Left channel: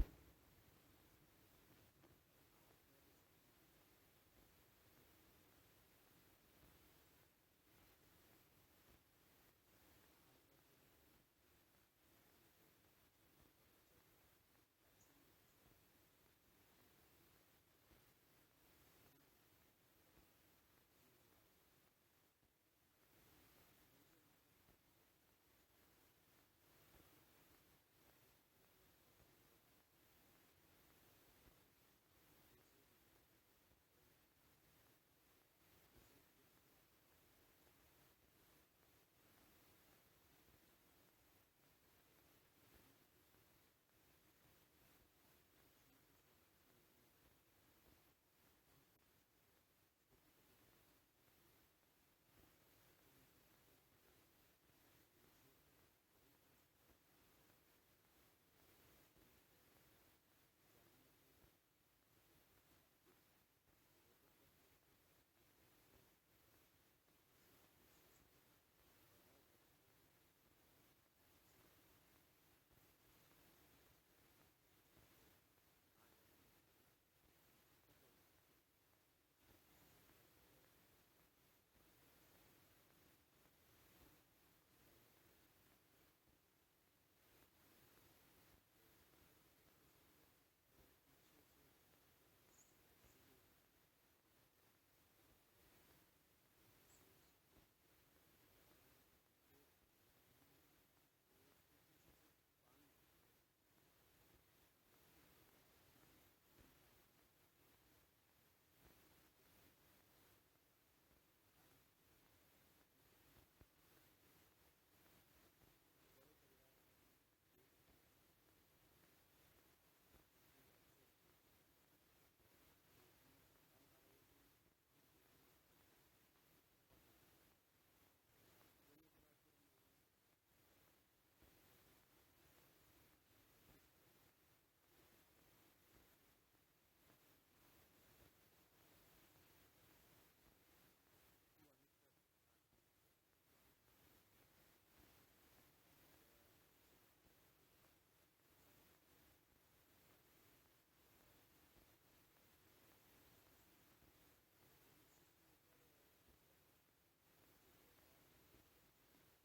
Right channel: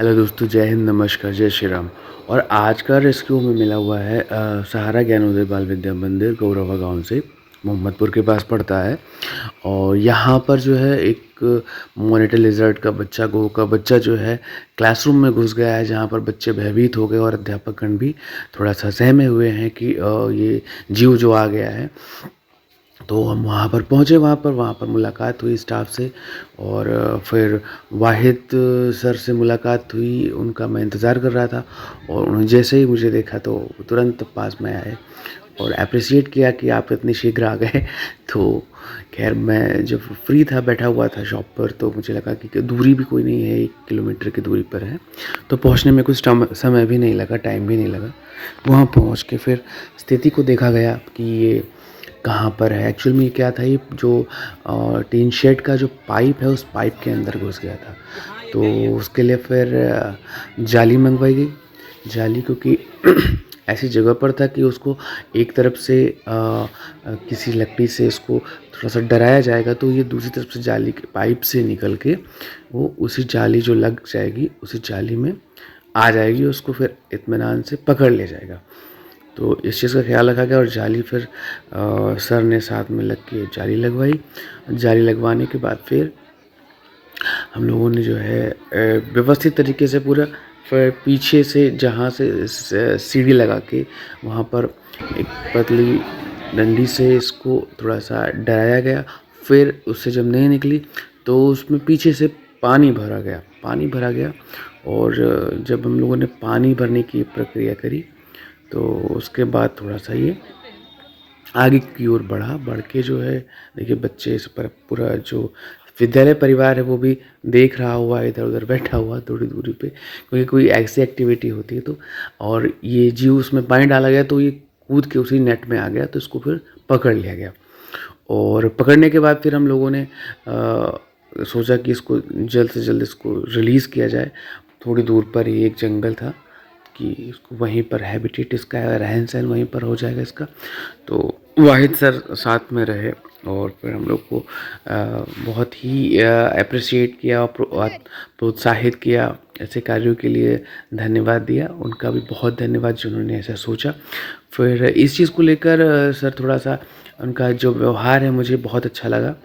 Hello दोस्तों, जय हिंद, नमस्कार, जय श्री राम। और आज का रेस्क्यू में मिला हुआ है सहारा ज्ञानोदय बाल विद्या मंदिर गौरवा गांव से, मोहम्मदपुर के पास पड़ता है। और यहाँ पर जो है एक मॉनिटर लिजर्ड का बच्चा, गो का बच्चा जो है क्लासरूम में घुस गया है, जहाँ पर बच्चे भयभीत हो गए और अध्यापकगण भी थोड़ा सा सहमे हुए हैं कि ये जीव जो आ गया है। तो हम वहाँ पर पहुँचे, वहाँ पर मुलाकात हुई स्टाफ से। और फिर वाहिद सर से मुलाकात हुई, उनका मैं इंतज़ार कर रहा था। और उन्होंने जैसे ही मुझे देखा तो तुरंत पास में आए और एप्रिसिएट किया कि आप इतनी शीघ्र आ गए। तो खैर, मैं जब फ्री था, बैठा हुआ था शॉप पर, तो मुझे लगा कि दूरी भी कोई नहीं है, 1 किलोमीटर की दूरी पर है, तो पहुँचने में कुछ समय भी नहीं लगा, टाइम भी नहीं लगा। वहाँ पहुँच के फिर स्थिति को देखा गया कि ये कहाँ पर है। एक्चुअल में ये क्या था, ये जो टीन शेड का जो पाइप है, उस पाइप के अंदर घुस गया था। तो उसके लिए फिर जाली मंगवाई गई। जाली, क्योंकि ऐसी जगह पर था कि उसको एक तरफ से किसी लकड़ी से इसको थोड़ा सा डराया जाएगा, तो ये दूसरी तरफ से जाली के पाइप से निकल के वो उसी जाली जो लग जाएगी, उसी जाली में आ जाएगी, उसको फिर इत्मीनान से पकड़ ले जाएगा। तो इस चीज़ का ख्याल रखा गया और जाली फिर सर ने साथ में लग के जाली लगवाई। जाली लगवाने के बाद फिर हम लोगों ने जो है व्यवस्थित तरीके से पूरा, फिर पीछे से जहाँ से सीढ़ी लगा के वहाँ पर एक पतली डंडी से इसको थोड़ा सा डराया गया। फिर उससे जब नहीं निकली तो उसमें पीछे से पानी भरा गया। और जब हम लोगों ने पानी भरने की प्रक्रिया करी, तो उसके बाद थोड़ा सा ये आगे की ओर बढ़ के जो है, देखिए बच्चे इस पर पूरा जो विद्यालय परिवार है वो भी देख रहा हुआ, इधर उधर बैठा हुआ थोड़ी दूरी पे, क्योंकि कोई ऐसी एक्टिविटी होती है तो। और ये जीव उसमें पानी डाला गया तो ये कूद के उसी नेट में आ गया, तो इसको फिर पकड़ लिया गया। और पकड़ने के बाद फिर हम लोगों ने सोचा कि इसको जल्द से जल्द इसको रिलीज़ किया जाए। थोड़ी दूर पर ही एक जंगल था कि इसको वहीं पर हैबिटेट, इसका रहन सहन वहीं पर हो जाएगा इसका। तो वाहिद सर साथ में रहे और फिर हम लोग को बहुत ही अप्रिशिएट किया और प्रोत्साहित किया, ऐसे कार्यों के लिए धन्यवाद दिया। उनका भी बहुत धन्यवाद जिन्होंने ऐसा सोचा। फिर इस चीज़ को लेकर सर थोड़ा सा, उनका जो व्यवहार है मुझे बहुत अच्छा लगा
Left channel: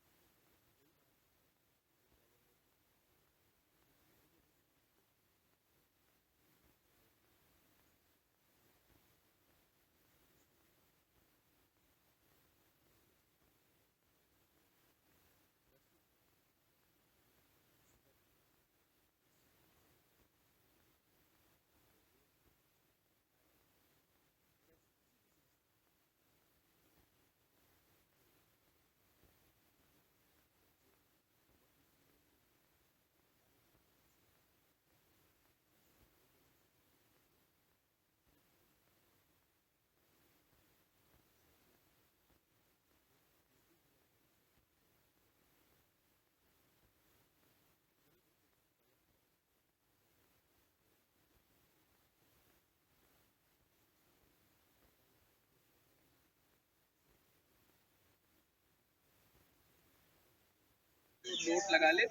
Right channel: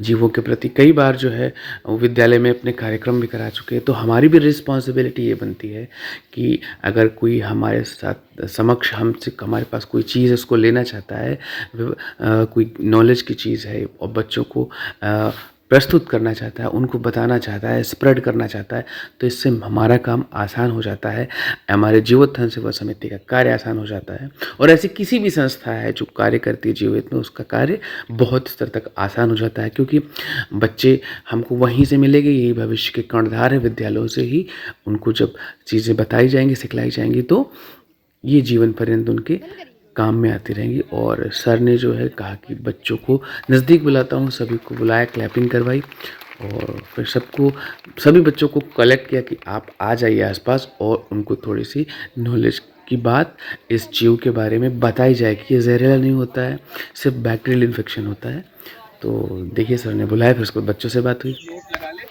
जीवों के प्रति। कई बार जो है वो विद्यालय में अपने कार्यक्रम भी करा चुके हैं, तो हमारी भी रिस्पॉन्सिबिलिटी ये बनती है कि अगर कोई हमारे साथ समक्ष हमसे हमारे पास कोई चीज़ उसको लेना चाहता है, कोई नॉलेज की चीज़ है और बच्चों को प्रस्तुत करना चाहता है, उनको बताना चाहता है, स्प्रेड करना चाहता है, तो इससे हमारा काम आसान हो जाता है, हमारे जीवोत्थान सेवा समिति का कार्य आसान हो जाता है। और ऐसी किसी भी संस्था है जो कार्य करती है जीवित में, उसका कार्य बहुत स्तर तक आसान हो जाता है, क्योंकि बच्चे हमको वहीं से मिलेंगे, यही भविष्य के कर्णधार है। विद्यालयों से ही उनको जब चीज़ें बताई जाएंगी, सिखलाई जाएंगी, तो ये जीवन पर्यंत उनके काम में आती रहेंगी। और सर ने जो है कहा कि बच्चों को नज़दीक बुलाता हूँ, सभी को बुलाया, क्लैपिंग करवाई और फिर सभी बच्चों को कलेक्ट किया कि आप आ जाइए आसपास और उनको थोड़ी सी नॉलेज की बात इस जीव के बारे में बताई जाए कि ये जहरीला नहीं होता है, सिर्फ बैक्टीरियल इन्फेक्शन होता है। तो देखिए, सर ने बुलाया, फिर उसके बाद बच्चों से बात हुई। चोट लगा ले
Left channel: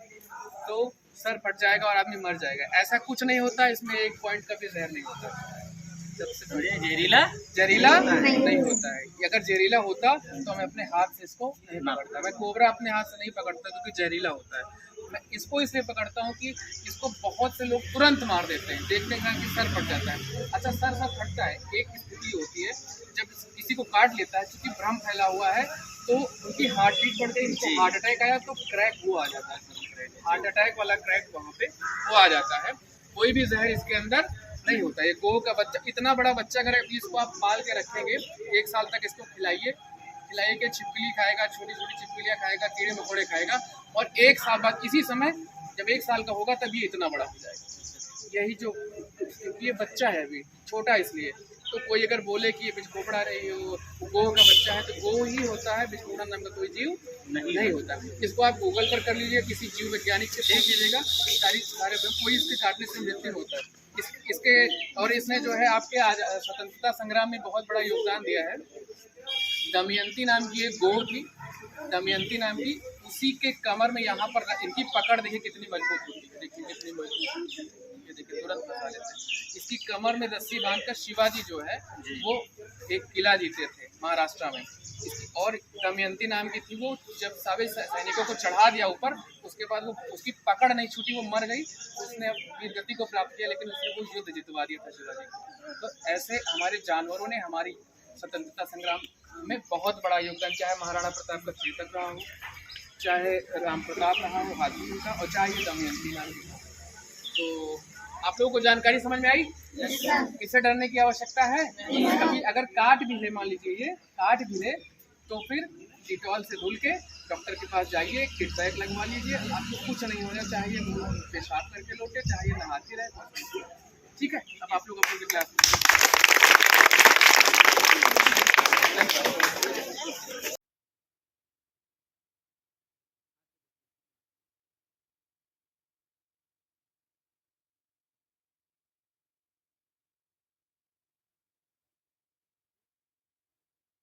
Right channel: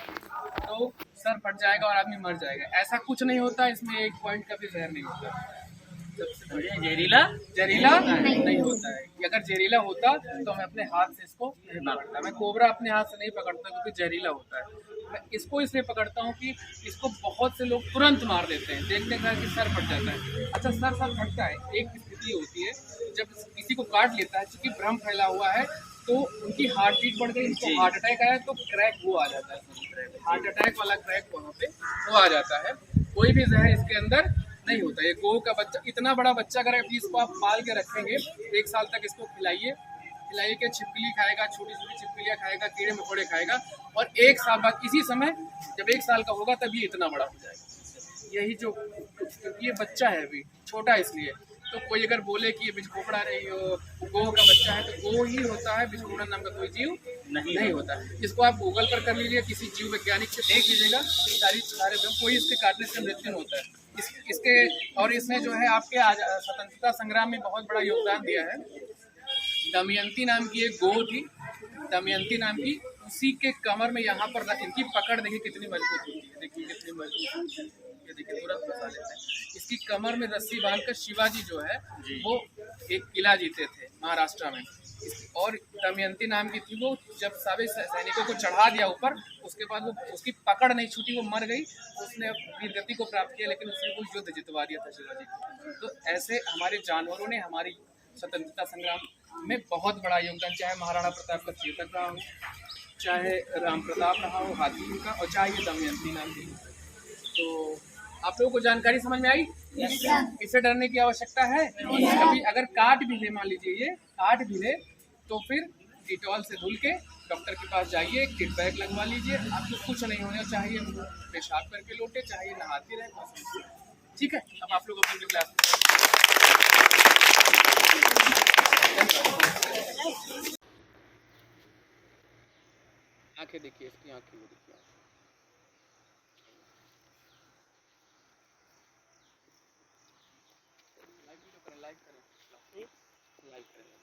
तो सर फट जाएगा और आदमी मर जाएगा, ऐसा कुछ नहीं होता। इसमें एक पॉइंट का भी जहर नहीं होता। सबसे बढ़िया जहरीला जहरीला नहीं होता है। अगर जहरीला होता तो मैं अपने हाथ से इसको नहीं पकड़ता। मैं कोबरा अपने हाथ से नहीं पकड़ता क्योंकि जहरीला होता है। मैं इसको इसलिए पकड़ता हूँ कि इसको बहुत से लोग तुरंत मार देते हैं, देखते हैं कि सर फट जाता है। अच्छा, सर फटता है, एक स्थिति होती है जब किसी को काट लेता है, क्योंकि भ्रम फैला हुआ है, तो उनकी हार्ट बीट बढ़ गई, इनको हार्ट अटैक आया तो क्रैक वो आ जाता है, हार्ट अटैक वाला क्रैक वहाँ पे वो आ जाता है। कोई भी जहर इसके अंदर नहीं होता। ये गो का बच्चा, इतना बड़ा बच्चा अगर इसको आप पाल के रखेंगे, 1 साल तक इसको खिलाइए के छिपकली खाएगा, छोटी छोटी छिपकलियाँ खाएगा, कीड़े मकोड़े खाएगा, और 1 साल बाद इसी समय जब 1 साल का होगा तब ये इतना बड़ा हो जाएगा। यही जो, क्योंकि ये बच्चा है अभी छोटा, इसलिए तो कोई अगर बोले कि ये बिजखोपड़ा रही हो, गो का बच्चा है, तो गो ही होता है, बिजखोपड़ा नाम का कोई जीव नहीं होता। इसको आप गूगल पर कर लीजिए, किसी जीव वैज्ञानिक से देख लीजिएगा, सारे कोई इसके काटने से मृत्यु नहीं होता है। इसके और इसने जो है आपके स्वतंत्रता संग्राम में बहुत बड़ा योगदान दिया है। दमयंती नाम की एक गो थी, दमयंती नाम की, उसी के कमर में यहाँ पर इनकी पकड़ देखिए कितनी मजबूत होती है, देखिए कितनी मजबूत है। ये देखिए तुरंत फंसा लेते हैं। इसकी कमर में रस्सी बांधकर शिवाजी जो है वो एक किला जीते थे महाराष्ट्र में। और दमयंती नाम की थी, वो जब सभी सैनिकों को चढ़ा दिया ऊपर, उसके बाद वो उसकी पकड़ नहीं छूटी, वो मर गई। उसने वीरगति को प्राप्त किया, लेकिन उसने वो युद्ध जितवा दिया था शिवाजी को। तो ऐसे हमारे जानवरों ने हमारी स्वतंत्रता संग्राम में बहुत बड़ा योगदान, चाहे महाराणा प्रताप का चेतक रहा हो, चाहे राम प्रताप रहा हो हाथी का, और चाहे ये दमयंती नाम की। तो आप लोगों को जानकारी समझ में आई? इससे डरने की आवश्यकता है? कभी अगर काट भी ले, मान लीजिए ये काट भी ले, तो फिर डिटॉल से धुल के डॉक्टर के पास जाइए, किट बैग लगवा लीजिए, आपको कुछ नहीं होना चाहिए। पेशाब करके लौटे, चाहिए नहाती रहे, बस। ठीक है, अब आप लोग अपनी क्लास आंखें देखिए, इसकी आंखें वो देखिए, लाइक करें, लाइक करें, लाइक करें।